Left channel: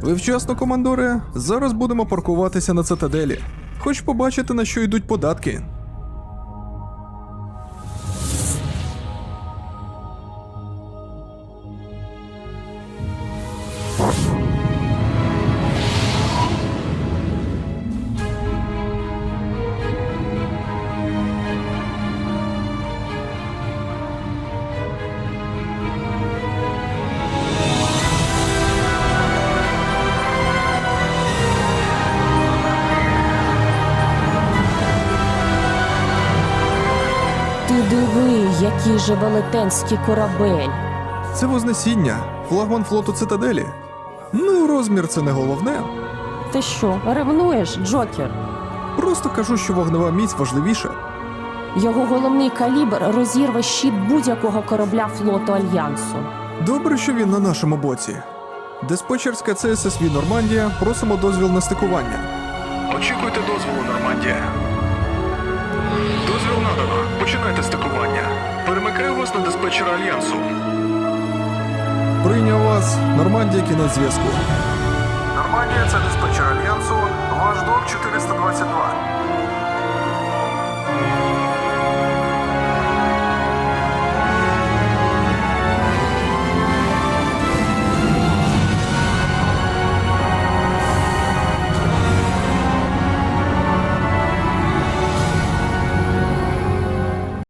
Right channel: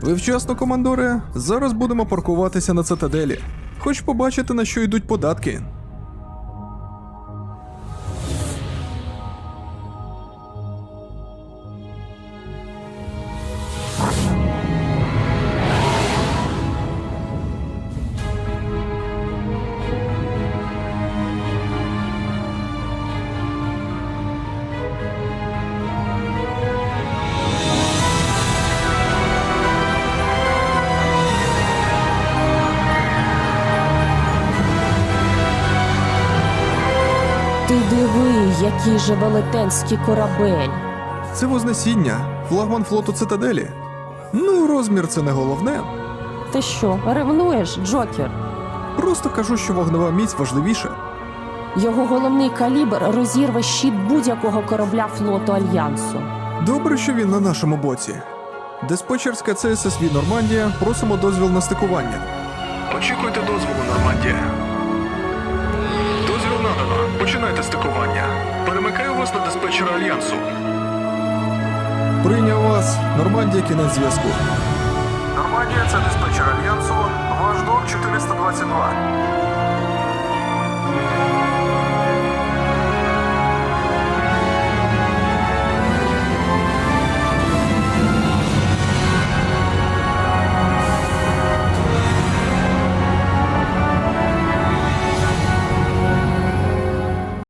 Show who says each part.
Speaker 1: Ви вчасно, командоре. Зараз будемо паркуватися на цитаделі. Хоч побачити, на що йдуть податки.
Speaker 2: Ти диви, який же велетенський корабель.
Speaker 1: Це Вознесіння, флагман флоту цитаделі. Ну, розмір це не головне.
Speaker 2: Ти що, ревнуєш, Джокер?
Speaker 1: Просто кажу, що вогнева міць важливіша.
Speaker 2: Його головний калібр розірве щит будь-якого корабля флоту Альянсу.
Speaker 1: Добре, що він на нашому боці. Диспетчерська ЦССВ Нормандія, просимо дозвіл на стикування. Очікуйте дозволу, Нормандія. Дозвіл надано. Починайте стикування. Перемикаю вас на диспетчера Альянсу. Прийняв вас. Нормандія, кінець зв'язку. Нормандія, це диспетчер Альянсу. Ваш док 422.